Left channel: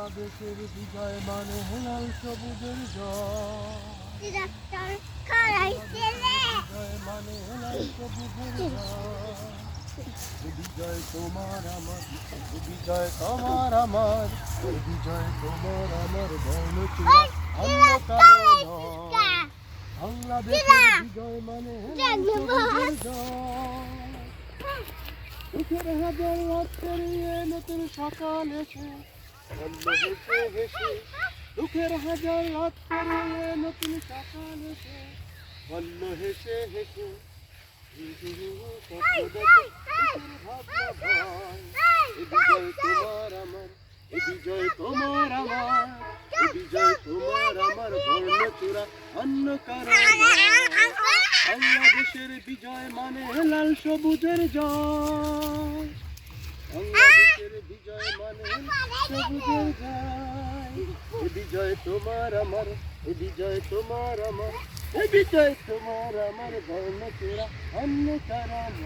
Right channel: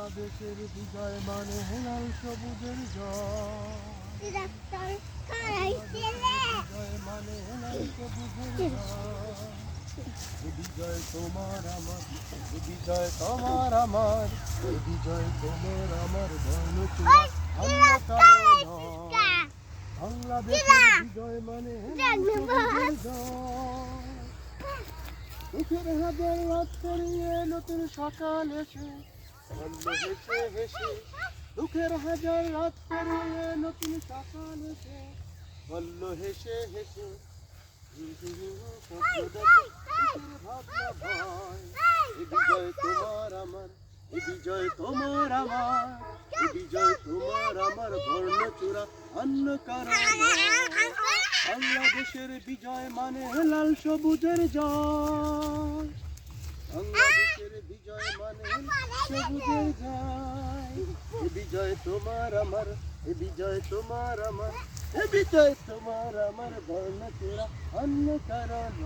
বাংলাদেশের বিজয় মানে লাল সবুজের জয়। বিজয় মানে লাল সবুজের জয়। বিজয় তোমার আমার, বিজয় তোমার আমার, বিজয় তোমার আমার, বর্ণচূড়া অন্য কারো নয়। বাংলাদেশের বিজয় মানে লাল সবুজের জয়। দুঃখের হাজার রাত পেরিয়ে নতুন সকাল এসে বলল হেসে হেসে, দুঃখের হাজার রাত পেরিয়ে নতুন সকাল এসে বলল হেসে হেসে, স্বপ্ন দেখে কিসের ভাবনা ভয়। এ বিজয় তোমার আমার, এ বিজয় তোমার আমার, এ বিজয় তোমার আমার, বর্ণচূড়া অন্য কারো নয়। বাংলাদেশের বিজয় মানে লাল সবুজের জয়। বাংলাদেশের বিজয় মানে সবুজের জয়। এ বিজয় তোমার আমার, এ বিজয় তোমার আমার, এ বিজয় তোমার আমার, বর্ণচূড়া অন্য কারো নয়।